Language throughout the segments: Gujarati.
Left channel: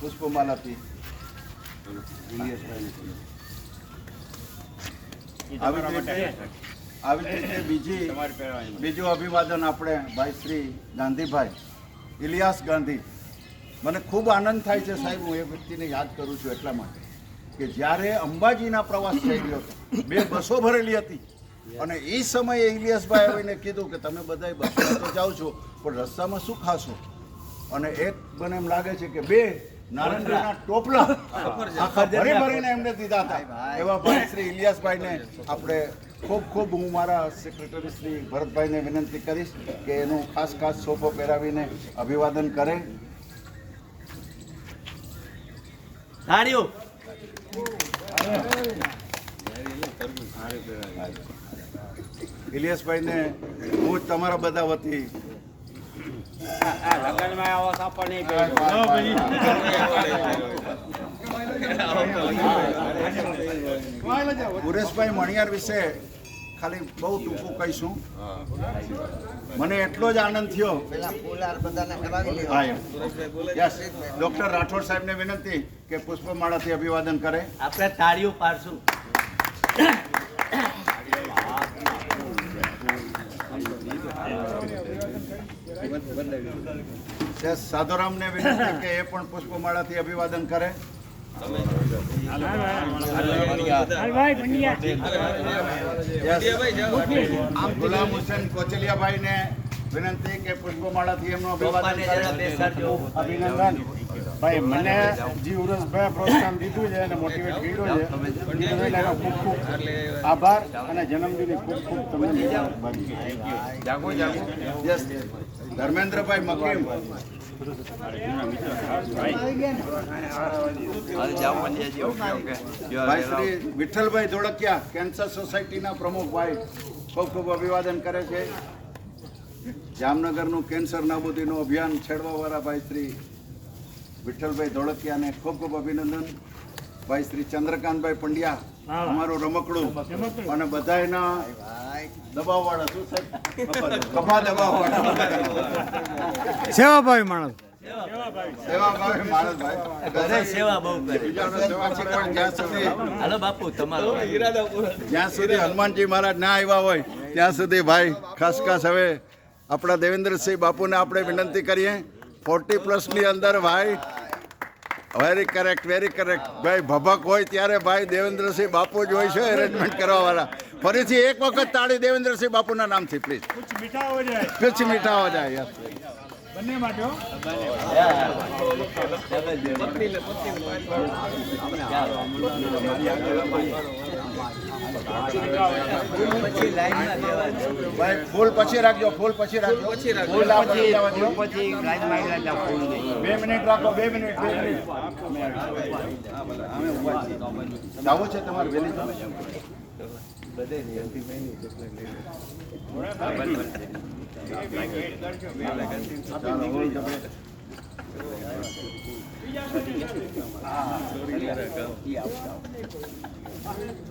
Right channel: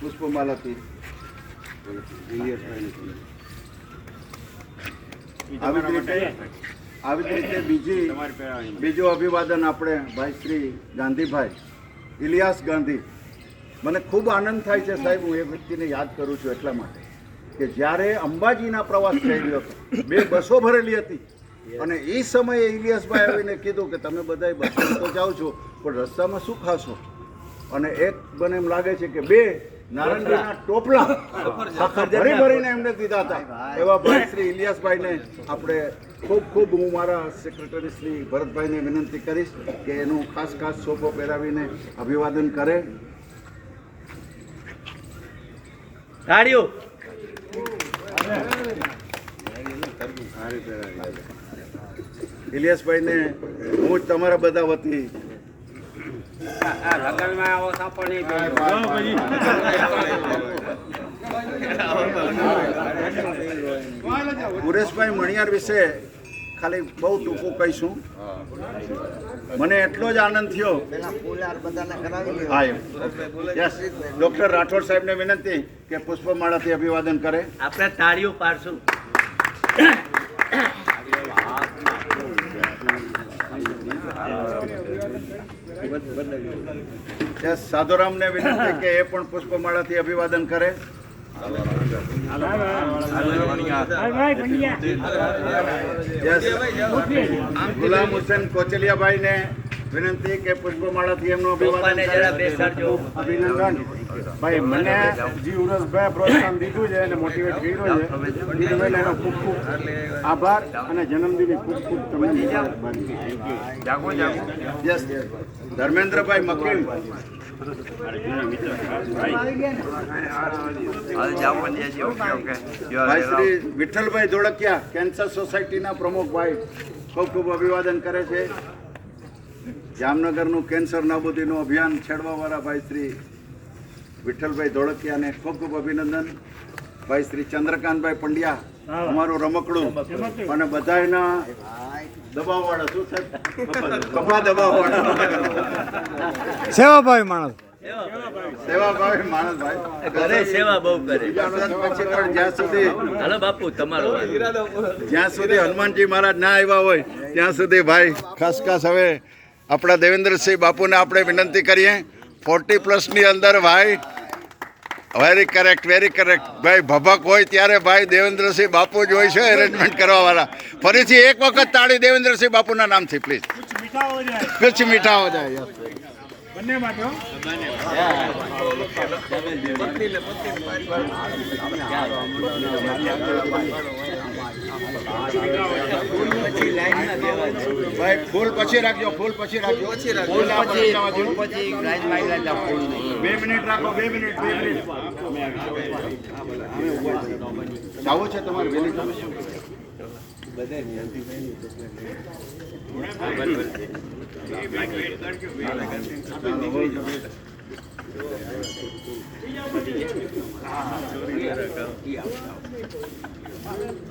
પુષ્પમાલાથી આવી રીતે બીજું અભિવાદન આપણે ભાઈ શ્રી ગાંધીભાઈ ઇલિયાસ ગાંધી. મને ખૂબ આનંદ થાય છે સાહેબ, હું એ વ્યક્તિને યાદ કરું છું એટલા માટે કે જ્યારે અંબાજીના પ્રવાસ થઈ ગયો હતો, 2 બસો ભરેલી હતી અને એ સમયે ઇલિયાસભાઈ આવીને કીધું કે તમે બધા બસમાં તો જાઓ છો પણ રસ્તામાં શું ખાશો, અને એક મને એમ લાગે છે કે 2 નારંગીના ટોપલા આખા ભરીને એમને દીધા હતા. એવા ભાઈ શ્રી ઇલિયાસભાઈને આપણે ખૂબ ખૂબ હું મારા સેક્રેટરી શ્રી ભરતભાઈને વિનંતી કરીશ કે એનું ખાસ સોફો પહેરાવીને અભિવાદન કરે. તાળીઓ. ઇલિયાસભાઈને હું જ તમારા બધા વતી પુરેશભાઈ મણિયાર વિશે ખાલી બહુ ટૂંકું કહીશું. મને એટલો જ આનંદ થયો. ડોક્ટર રાઠોડ સાહેબને વિનંતી કે પુષ્પમાળાથી અભિવાદન કરે. આપણે તાળીઓ પાડશું. સાધુરામને વિનંતી કે એ પણ પુષ્પમાળાથી અભિવાદન કરે. ગુલામ હુસેન કોચલિયાભાઈને વિનંતી કે પુષ્પમાળાથી એમનું અભિવાદન કરે. અભિનંદન ભાઈ, મને જી ઉરસભાઈ પ્રોત્સાહન દીધું છે અને મોટિવેટ કર્યું છે. ખૂબ ખૂબ આભાર અને જન્મદિનની ખૂબ ખૂબ તમને ધર્મેન્દ્રભાઈ મકીમ. ભાઈ શ્રી વિઠ્ઠલભાઈ ધોળકિયા કેન્સર સોસાયટીના પ્રમુખભાઈ ખૂબ ખૂબ અભિવાદન કરે છે. જામનગરનું કેન્સર નાબૂદીનું અભિયાન છેડવાવાળા ભાઈ શ્રી વિઠ્ઠલભાઈ ધોળકિયાને ખૂબ ખૂબ અભિનંદન. ભાઈ શ્રી ચંદ્રકાંતભાઈ પંડ્યા અમારું રમકડું અને બધાના દબાવવાળા શું સાહેબ કપા દબાવવાળા સેવાભાવી માણસ સેવાભાવી માણસ ભાઈ સેવા બહુ કરે. હાલો બાપુ તમારો જ્યાં સુધી હનુમાનજી મહારાજ ના આવ્યા હોય ત્યાં સુધી ભાઈ ખાસ હવે આપણા દેવેન્દ્રસિંહ બાપુને આપણે વિનંતી કરીએ 40+ ની અંદર ભાઈ. વેરી કરેક્ટ ભાઈ. ભભક હોય ત્યારે ભાઈ દેવેન્દ્રસિંહ બાપુ જ હોય છે એરેન્જમેન્ટ કરવા વાળા. ફરીથી એક વખત તાળી દેવેન્દ્રસિંહ બાપુના નામથી પ્લીઝ. કુછ મીઠા હો જાય બંને માટે. ફૂલ પછી રાખજો. 2 મિનિટ રાખો. 2 મિનિટ જાવું છે તમારે વેલી જવું છે.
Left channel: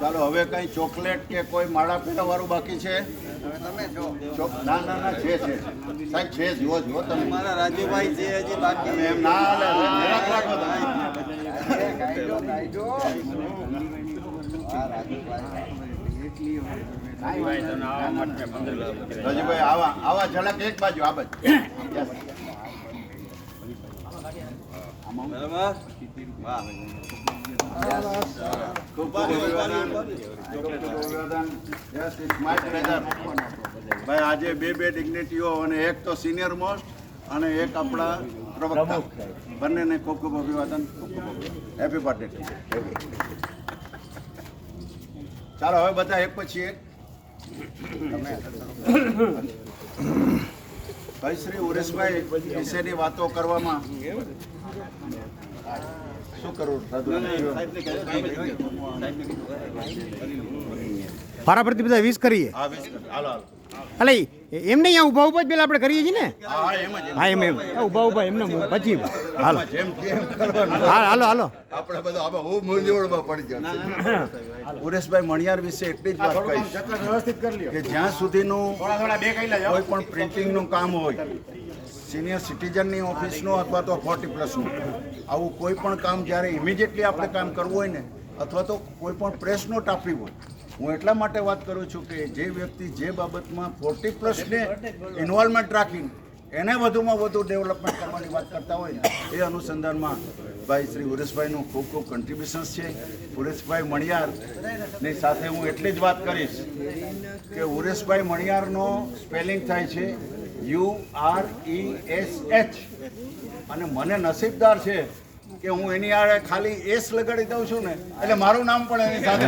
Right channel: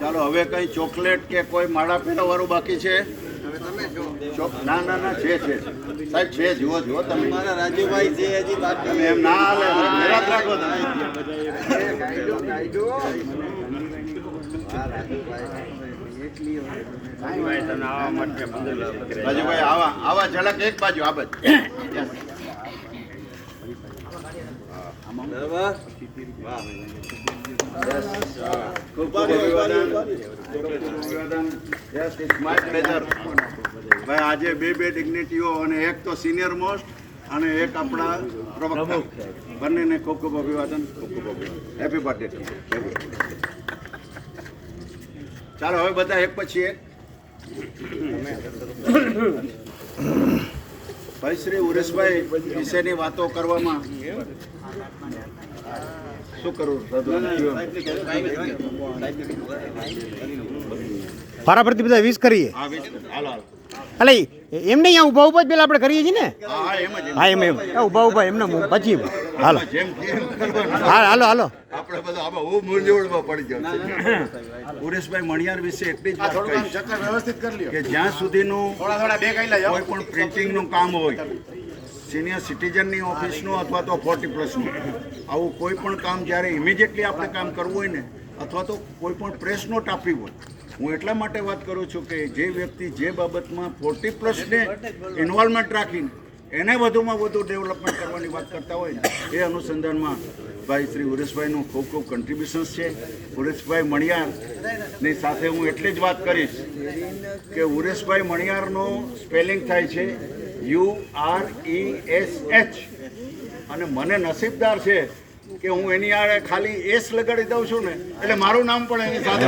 ચાલો હવે કઈ ચોકલેટ કે કોઈ માળા પીવા વાળું બાકી છે? ના છે સાહેબ છે. જુઓ તમે મારા રાજુભાઈ છે હજી બાકી. એમ ના હાલે. રાજુભાઈ આવા ઝલક એક બાજુ આ બાજુ. ભાઈ આજે 2 ડિગ્નિટીઓ અને એક તો સિનિયર મોસ્ટ અને એક આપણા પ્રવક્તા બંનેને ખૂબ ખૂબ અભિવાદન. Happy birthday. ચાલો હવે બધા એક પછી એક. ભાઈ શ્રી ઉરેશભાઈ વિશેની વાતો કરવામાં શું કરું? પારાપરથી બધા 20 કરીએ. અલે એમ નહીં, ઊભા ઊભા જ પેલા આપણે કરીએ છીએ ને. હા એમ ઊભા એમને પછી હાલો હાલો આપણે બધા આમાં મૂંઝવણમાં પડી જાય. ઉરેશભાઈ મણિયાર વિશે એટલી જ વાત વ્યવસ્થિત કરી લ્યો કે જ્યાં સુધીનું કોઈ પણ પ્રિન્ટિંગનું કામ હોય, સિનિયર સિટીઝનની ઓફિસનું અથવા તો 40+નું આવું કોઈ પણ કામ જ્યારે ઇમિડિયેટલી આપણે કામ કરવું હોય ને અથવા તો કોઈ પણ પ્રેસ નોટ આપવી હોય, હું એટલા માટે વાત કરું છું કે જે વ્યક્તિ જે બાબતમાં 40+ને ઇન્વોલ્વમેન્ટ રાખીને એને વધુમાં વધુ ડેવલપમેન્ટ કરવાની વાત કરતા હોય ને એ અનુસંધાનમાં ભાઈ શ્રી ઉરેશભાઈનું ખૂબ ખૂબ કન્ટ્રીબ્યુશન્સ છે. ઉરેશભાઈ મણિયારની સાથે હું એટલી જ વાત કરીશ કે ઉરેશભાઈ મણિયારનો સ્પેલિંગ થાય છે URESH, અને મને નસીબદાર છે કે હું એની આડે ખાલી એસ લગાડી દઉં છું ને એટલે મારું નામ પણ એની સાથે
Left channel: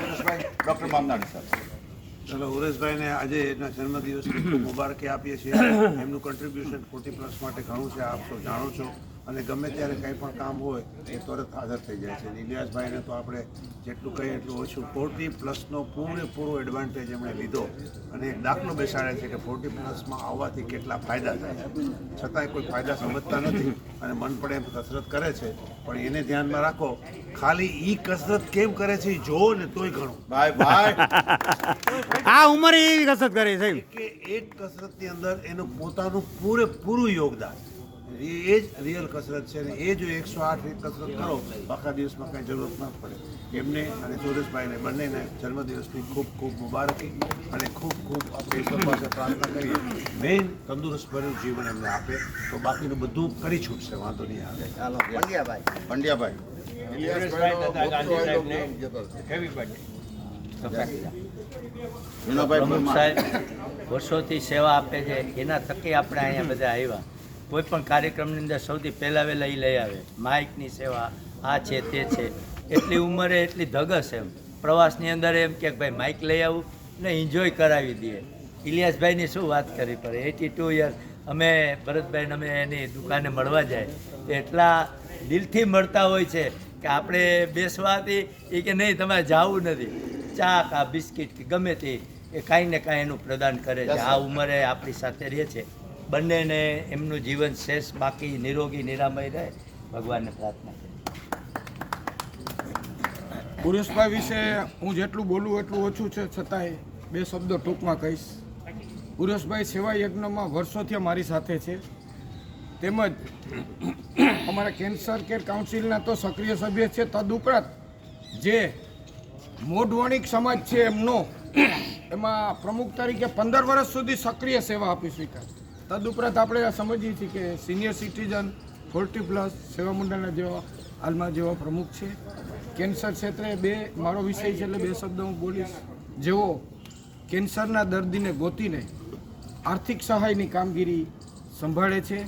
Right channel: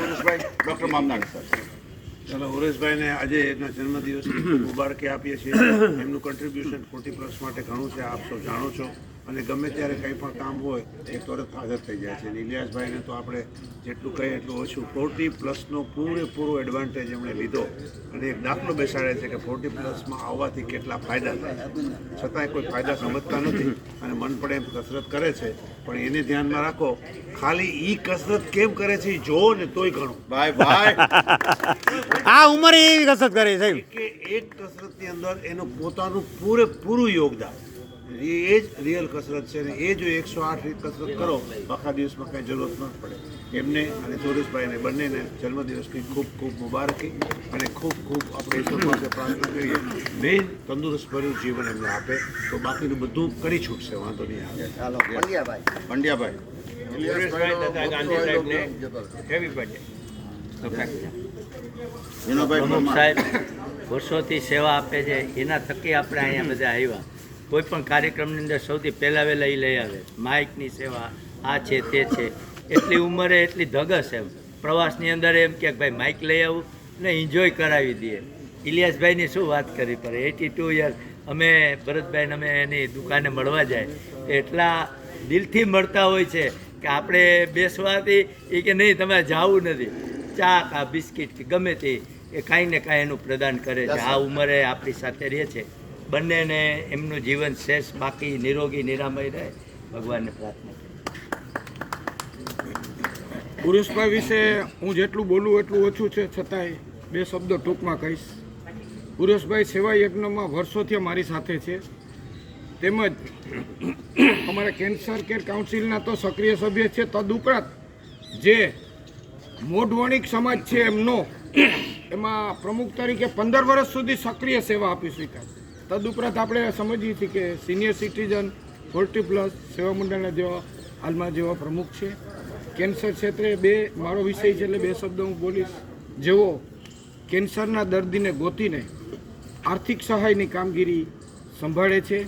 ઉરેશભાઈ ડૉક્ટર મામનાડ સર. ચલો, ઉરેશભાઈને આજે એના જન્મદિવસની મુબારકી આપીએ છીએ. એમનું કન્ટ્રીબ્યુશન 40+ માટે ઘણું છે, આપ સૌ જાણો છો, અને ગમે ત્યારે કંઈ પણ કામ હોય એ તરત હાજર થઈ જાય છે. ઇલિયાસભાઈને તો આપણે જેટલું કહીએ એટલું ઓછું. 40+નો પૂરેપૂરો એડવાન્ટેજ એમણે લીધો અને એક દાખલો બેસાડે છે કે 40+માં આવવાથી કેટલા ફાયદા થાય, છતાંય કોઈ ફાયદા સમજતા નથી અને મન પડે એમ કસરત કરે છે. પણ એને ધ્યાનમાં રાખો, ખાલી ઈ કસરત કેમ કરે છે એ જોવો ને તોય ઘણું. ભાઈ આ ઉંમરે એવી કસરત કરે સાહેબ કે એક કસરતની અંદર એનું પોતાનું પૂરેપૂરું યોગદાન, એ જ રિયલ કસરત છે. અને એ જો 108 રીત કસરત કરો આખા દિવસમાં કંઈ જરૂરત ન પડે. એમને અને સુરેશભાઈને બંનેને જન્મદિવસની ખૂબ ખૂબ મુબારકી અને ખૂબ ખૂબ આપણે ઈશ્વર પાસે પ્રાર્થના કરીએ મેન તંદુરસ્ત ભર્યું જીવન એમને આપે તો બાકીનું બધું કરી છૂટશે, વાંધો નહીં આવે. ચાલો પંડ્યાભાઈ સુરેશભાઈ તથા ગાંધીભાઈને હેવી બર્થડે. વિનોભાઈ પ્રમુખ પરમાર. સાહેબ વર્ષોથી સેવા આપે છે, એના થકી આપણે અહીંયા બધા આવ્યા. કોઈ પણ કાર્યક્રમની અંદર સૌથી પહેલાં વહેલા એ લઈ આવે માઇકની સેવા, આ છે તે છે. એટલી ઉંમરે એટલી ધગસ એમ પ્રવાસની અંદર એમ કે ભાઈ માઇક લઈ આવું ને એન્જોય કરાવી દઈએ. ઇલિયાસભાઈની શું વાત કરી પર 82 યર અમે ભરતભાઈને અમે એની દુકાને મળવા જાય એટલા દિલથી મળતા હોય છે કે આપણે બેસવાથી એ કે નહીં તમારે જવું નથી, ચા કા બિસ્કિટ કે ગમે તે એ કાંઈ ને કાંઈ એનું પ્રદાન કરે છે. આ ઉંમરે આપણી સાથે રહે છે. બંનેને એમનું જીવન શેષ બાકી નિરોગી નિરામય રહે, ભગવાનને પ્રાર્થના કરીએ. પુરુષભાઈ વિશે હું જેટલું બોલું એટલું ઓછું છે, છતાંય 2 શબ્દો ટૂંકમાં કહીશ. પુરુષભાઈ સેવા યજ્ઞમાં વર્ષોથી મારી સાથે છે, તેમજ અમારા કેન્સર કેર કાઉન્સિલના તો સક્રિય સભ્ય છે. તદુપરાંત જે મોઢવણિક સમાજ છે એમનો એમાં પ્રમુખ તરીકે 15 વર્ષ સુધી સક્રિય સેવા આપી સ્વીકાર. તદુપરાંત આપણે સમજીએ છીએ કે સિનિયર સિટીઝન 40+ સેવા મંડળના જેવા હાલમાં જેવા પ્રમુખ છે. કેન્સર ક્ષેત્રે મારો વિષય છે એટલે 2 શબ્દો હું બોલીશ. જેઓ કેન્સરના દર્દીને ગોતીને આર્થિક સહાયની કામગીરી સંભાળે છે.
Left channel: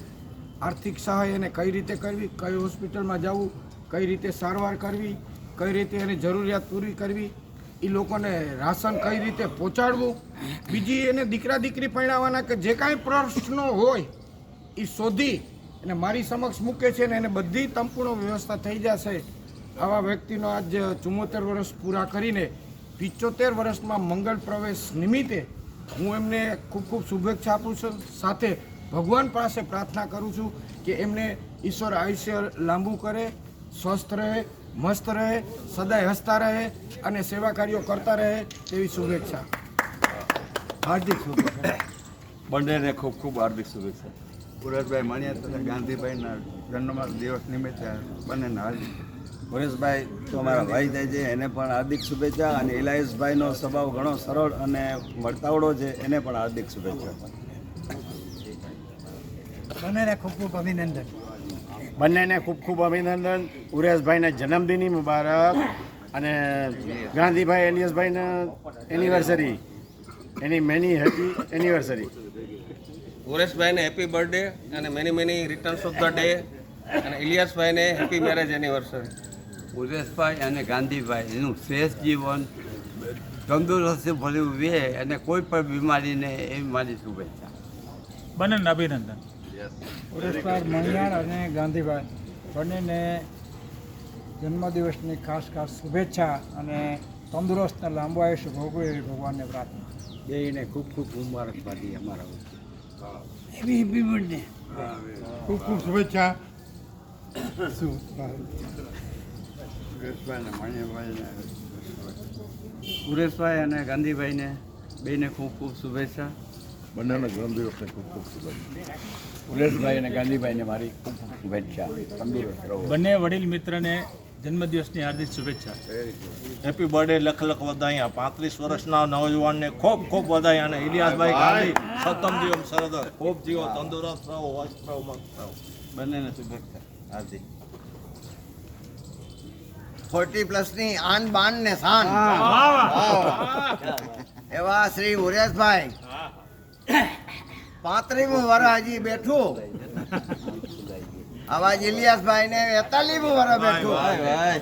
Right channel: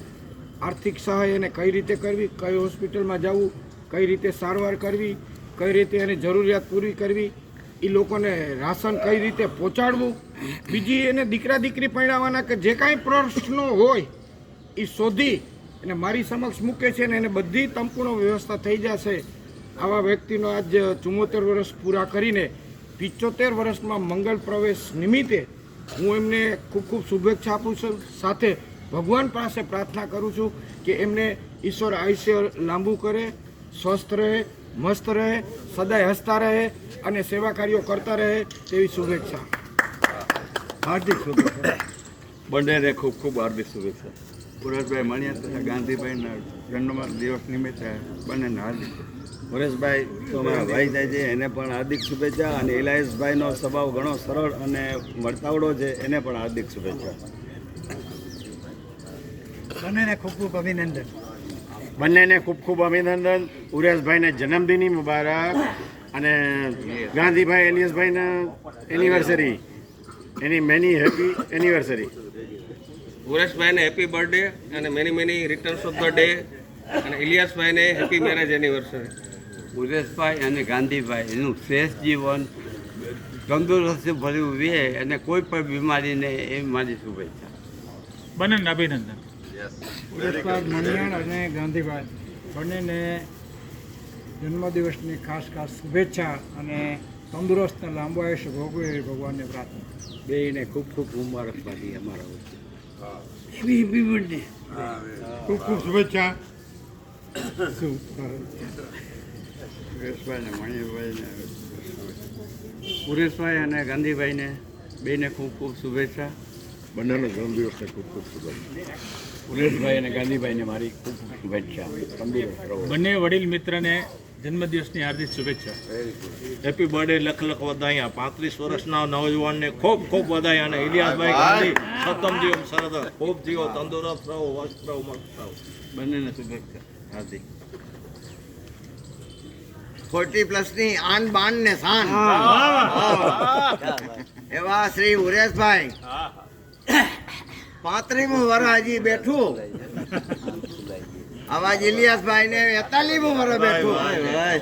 આર્થિક સહાય એને કઈ રીતે કરવી, કઈ હોસ્પિટલમાં જવું, કઈ રીતે સારવાર કરવી, કઈ રીતે એની જરૂરિયાત પૂરી કરવી, એ લોકોને રાશન કઈ રીતે પહોંચાડવું, બીજી એને દીકરા દીકરી પરણાવવાના કે જે કાંઈ પ્રશ્નો હોય એ શોધી અને મારી સમક્ષ મૂકે છે ને એને બધી સંપૂર્ણ વ્યવસ્થા થઈ જશે. આવા વ્યક્તિનો આજ 74 વર્ષ પૂરા કરીને 75 વર્ષમાં મંગળ પ્રવેશ નિમિત્તે હું એમને ખૂબ ખૂબ શુભેચ્છા આપું છું. સાથે ભગવાન પાસે પ્રાર્થના કરું છું કે એમને ઈશ્વર આયુષ્ય લાંબુ કરે, સ્વસ્થ રહે, મસ્ત રહે, સદાય હસતા રહે અને સેવા કાર્યો કરતા રહે તેવી શુભેચ્છા. હાર્દિક શુભેચ્છા. બંનેને ખૂબ ખૂબ હાર્દિક શુભેચ્છા. પુરેશભાઈ મણિયાર તથા ગાંધીભાઈના જન્મદિવસ નિમિત્તે બંનેને હાર્દિક. પરેશભાઈ તો અમારા ભાઈ થાય છે, એને પણ હાર્દિક શુભેચ્છા. અને ઇલાયસભાઈનો સ્વભાવ ઘણો સરળ અને મળતાવડો છે, એને પણ હાર્દિક શુભેચ્છા. બંનેને ખૂબ ખૂબ અભિનંદન. બંનેને ખૂબ ખૂબ અભિનંદન. ઉરેશભાઈને જન્મદિનની મુબારક અને ગાંધીભાઈ ઇલિયાસભાઈને anniversary, many many happy anniversary. ઉરેશભાઈને હેપી બર્થડે અને many returns of the day, અને ઇલિયાસભાઈને હેપી મેરેજ એનિવર્સરી. ઉરેશભાઈ અને ગાંધીભાઈ એનું શ્રેષ્ઠ જીવન તંદુરસ્તી ભર્યું રહે અને કોઈ પણ બીમારીને એ મારી શુભેચ્છા. બંનેને અભિનંદન. પુરસ્કાર મણિયાર અને ગાંધીભાઈ બંનેને જન્મદિવસની ખાસ શુભેચ્છા અને તંદુરસ્ત અને લાંબુ આયુષ્ય ભોગવે એવી ભગવાનને પ્રાર્થના. બેયને ખૂબ ખૂબ મુબારકબાદી અમારા વચ્ચે. Happy birthday. ખૂબ ખૂબ શુભેચ્છા. ઉરેશભાઈ અને મણિભાઈને, ઉરેશભાઈ અને ગાંધીભાઈને બેને ખૂબ ખૂબ શુભેચ્છા. બંનેના જન્મદિવસને ખૂબ ખૂબ શુભેચ્છા. ઉરેશભાઈ અને ગાંધીભાઈને મારી ખૂબ ખૂબ શુભેચ્છા. તંદુરસ્ત રહો. બંને વડીલ મિત્રને જન્મદિવસની હાર્દિક શુભેચ્છા. હેપી બર્થડે લખ વધાયા. 35 વર્ષના નવજવાનને ખૂબ ખૂબ વધાયા. અને ઇલિયાસભાઈ ગાંધી સતમ જીવન સરદ ખૂબ જીવો, તંદુરસ્ત રહો, મસ્ત રહો, મસ્ત રહો. બંનેને શુભેચ્છા હાર્દિક. 40+ આન બાન ને શાન એવા શ્રી ઉરેશભાઈ 35મું વર્ષ હજી બેઠું. આવા ઇલિયાસભાઈ ને 41મું વર્ષ બેઠું.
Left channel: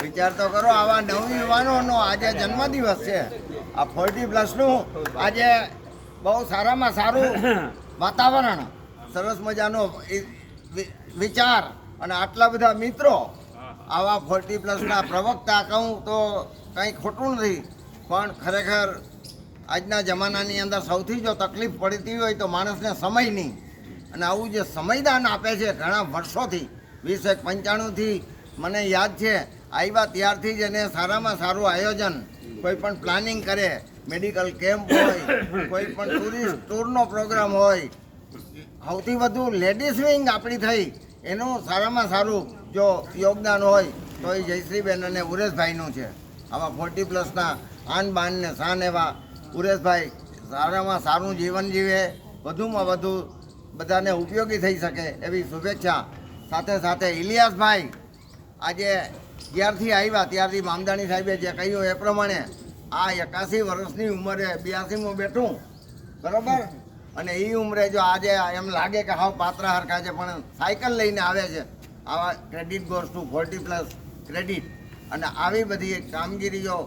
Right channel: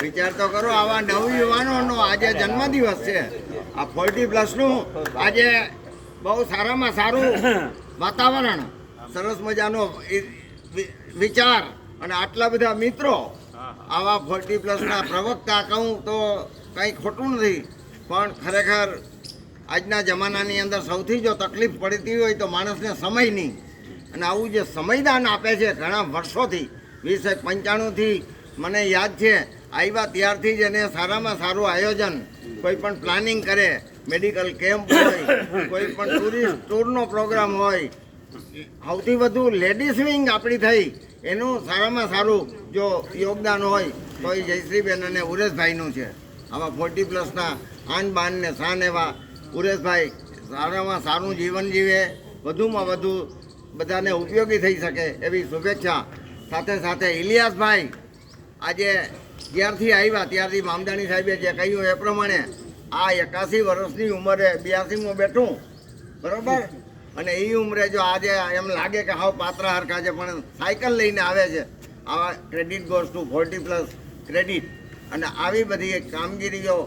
વિચાર તો કરો, આવા નવયુવાનોનો આજે જન્મદિવસ છે. આ 40+ નું આજે બહુ સારામાં સારું વાતાવરણ, સરસ મજાનો વિચાર અને આટલા બધા મિત્રો. આવા 40+ ના પ્રવક્તા કહું તો કંઈ ખોટું નથી, પણ ખરેખર આજના જમાનાની અંદર સૌથી જો તકલીફ પડતી હોય તો માણસને સમયની. અને આવું જે સમયદાન આપે છે ઘણા વર્ષોથી, 1995થી મને યાદ છે આવ્યા ત્યારથી જ એને સારામાં સારું આયોજન, કોઈ પણ પ્લાનિંગ કરે, મેડિકલ કેમ્પ હોય, કોઈ પણ ટુરિસ્ટ ટૂરનો પ્રોગ્રામ હોય, સૌથી વધુ લેડીઝ વિંગ આપણી થઈ એનું સારામાં સારું જો યોગદાન હોય તો એ જયશ્રીબેન અને ઉરેશભાઈનું છે. આવા 40+ ના આન બાન ને શાન એવા ઉરેશભાઈ સારામાં સારું જીવન જીવે, વધુમાં વધુ બધાને ઉપયોગી થઈ શકે એવી શુભેચ્છા. સાથે સાથે ઇલિયાસભાઈ આજે જ્યારથી આવ્યા ત્યારથી મામદાણી સાહેબે જે કહ્યું એ પ્રમાણે આ 81 વર્ષની ઉંમરે 82મું બેઠું, બરાબર. અને એ ઉંમરે જો આજે એમ લાગે કે હાવ પાત્રા હરખા છે, પણ સાયકલ લઈને આવે છે. આવા ક્રેડિટ ગોઝ ટુ 40+ ક્રેડિટ. અને આવી બધી કામગીરીઓ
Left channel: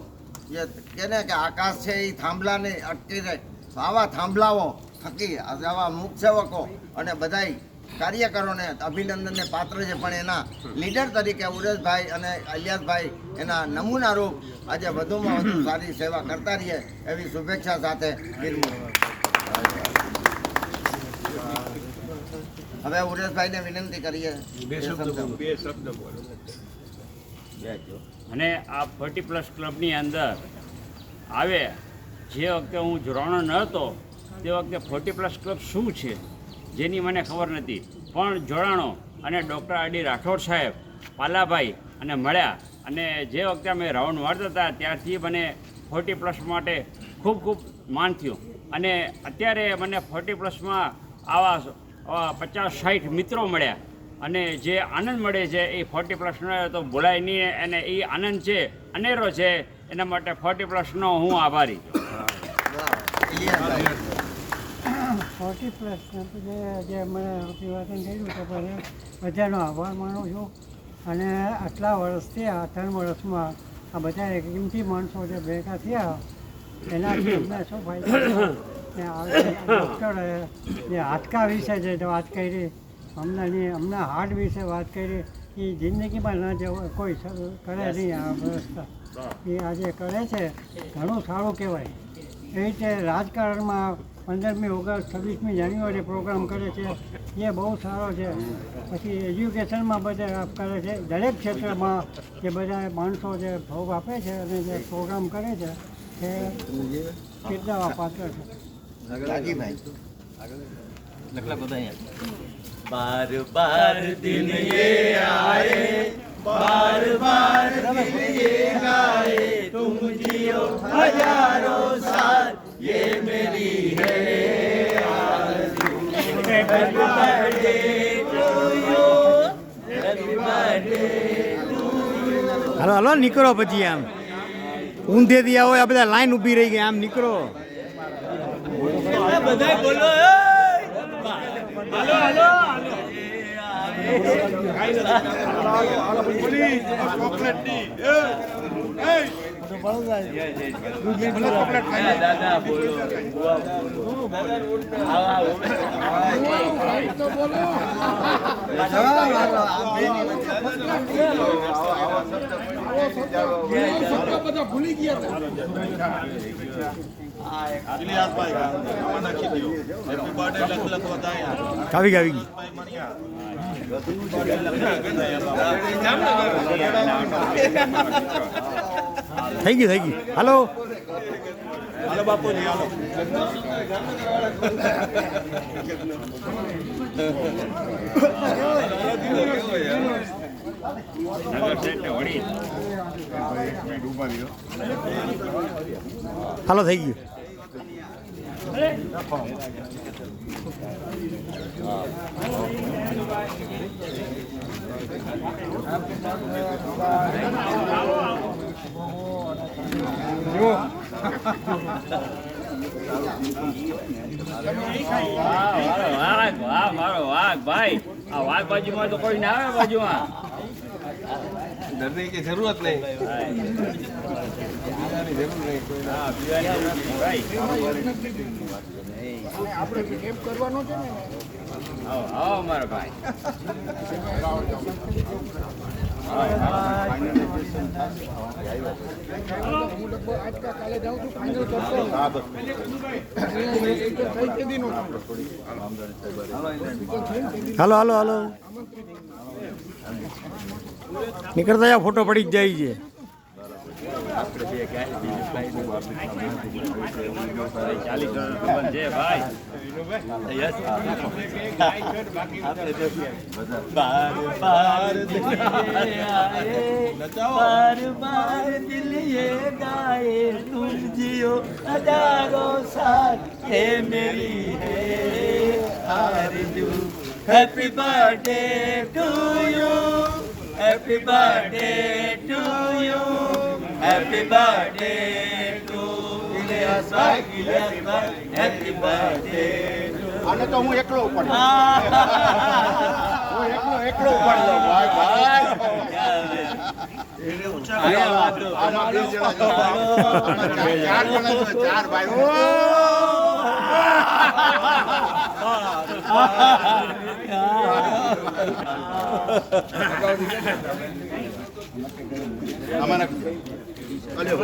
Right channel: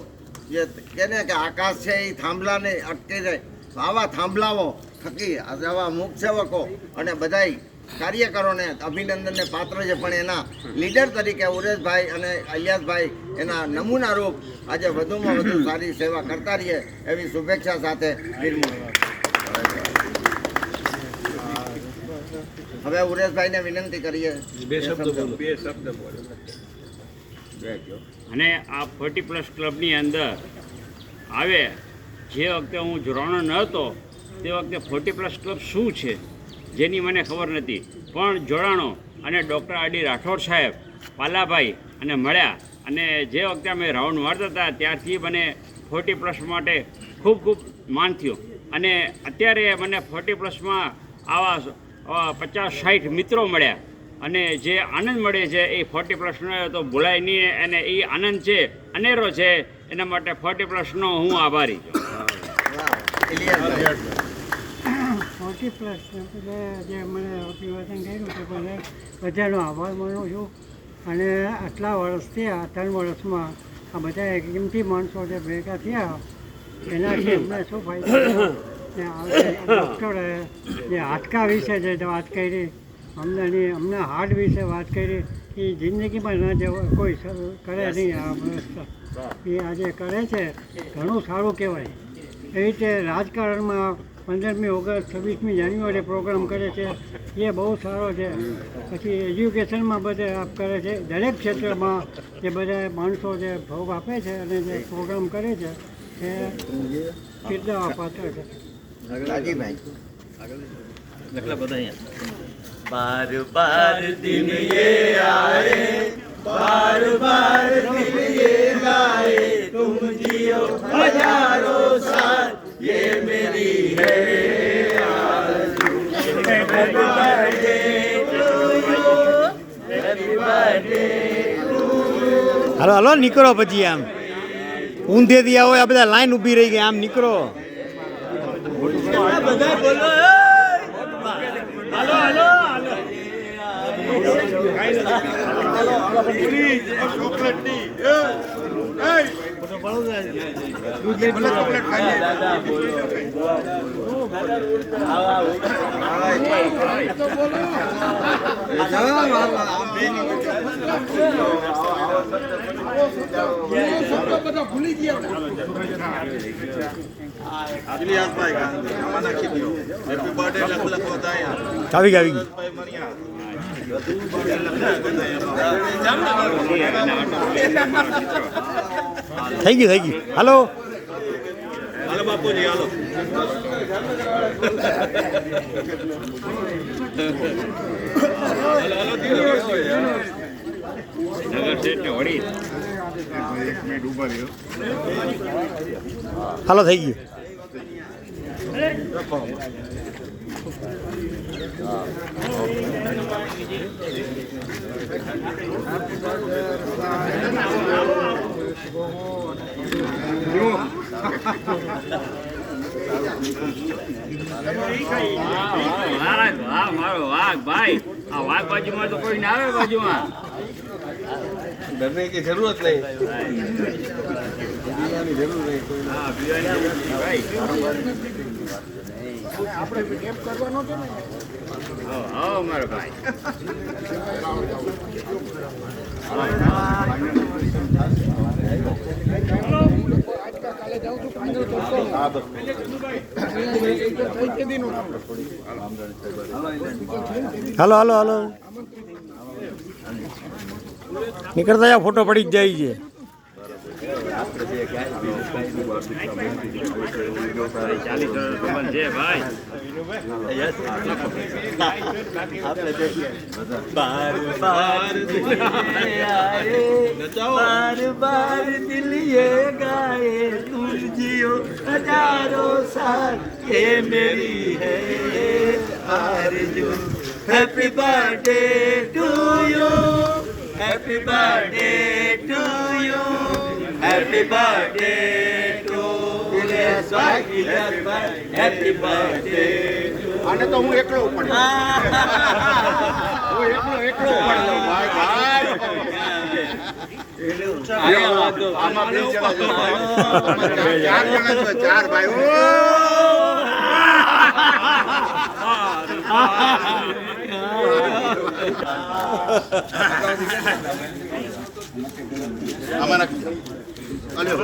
જે કહે કે આકાશ છે એ થાંભલાને અટકી જાય, તો આવા થાંભલાઓ થકી આવા મુખસેવકો અને બધાય કાર્યકરોને અભિનંદનને પાત્ર છે. પણ એના લીડર તરીકે ઉરેશભાઈ અને ઇલિયાસભાઈ એના નમૂનારૂપ આજે વધુમાં વધુ સારી સેવા કરતા રહીએ એવી શુભેચ્છા સાથે હવે ઉરેશભાઈને વિનંતી કરીએ બે શબ્દ બોલો. અને આ 40+ ક્લબની અંદર આવે જે વખતે હું જોડાણો ન હતો તે વખતે 40+ ક્લબ શું છે જેની મને ખબર નથી, પણ જોડાણો અને ડૉક્ટર આર ડી રાઠોડ સાહેબ, પાલાભાઈ અને મળ્યા. અને જે વખતે અમે રાઉન્ડ મારતા હતા ત્યારથી મને 40+ માટે ખૂબ ખૂબ માન થયું. અને અત્યારે મને 40+માં આવા 50-60 મિત્રો મળ્યા. અને જે આનંદ મળે છે એ 40+નો તો ભૂલાય નહીં. અને એ આનંદ છે અનેરો છે, એના માટે 40+નો હું આભારી છું. 40+ જે મને અભિવાદન કર્યું તે બધાનો આભાર માનું છું. અને આટલા વર્ષથી આ 3 વર્ષમાં આ બધા કિંમતી માણસો જે ભેગા થયા એનાથી અમને શું ફાયદો થયો ને ડૉક્ટરે જે હાડકા વિશે જે વાત કરી, અમને હાર્ટ વિશે વાત કરી, એ જિંદગીમાં ન જવું કોઈ કરે નહીં. આ વ્યવસ્થા એ આજે કરે છે, ઘણું સારું કહેવાય. એ રીતે રાજકારણમાં 15મી ઓગસ્ટ 26મી જાન્યુઆરી પ્રોગ્રામ કરે છે, એ બહુ સારો છે. પછી એજ્યુકેશનમાં બધે કરે છે, દરેક ક્ષેત્રમાં જે બધા માણસો જે ભોગ આપે છે અને જે પ્રોગ્રામ કરે છે એ કેટલા પાત્ર છે. बार बार दिन ये आए, बार बार दिन ये आए, तुम जियो हजारों साल, ये मेरी है आरज़ू. Happy birthday to you, happy birthday to you. હાલો હાલો નીકળો પછી આમ ઊંધેથી આવો, આ બધા લાઈન ઊભી રહી ગઈ, આમ નીકળો. બધા બોલો. હાલો હાલો દાદા બોલો. ભૂલી ગયા. આવી ગઈ થઈ ગયું. હાલો હાલો બાપુજી હાલો નગર શેઠને વળી હાલો થઈ ગયું. વાહ મારો વાઘ ભાઈ આ વાઘ બાજુમાં તો કોઈ ના આવે બાજુમાં ડરની की जरूरत नहीं હા મારો ભાઈ હાલો હાલો હાલો નીકળતા જા, ફોટો પડી જ જાય છે. જે ભાઈ बार बार दिल ये आए, बार बार दिल ये गाए, तुम जियो हजारों साल, ये मेरी है आरज़ू. Happy birthday to you, happy birthday to you, happy birthday to Ilyas bhai, happy birthday. આને તો હું એકલો ઉપાડું. હું એકલો ઉપાડું. ભાઈ આમાં બે જણા છે. આમાં ચાર જણા છે. ચાર ભાઈ. આમાં નાખી દો.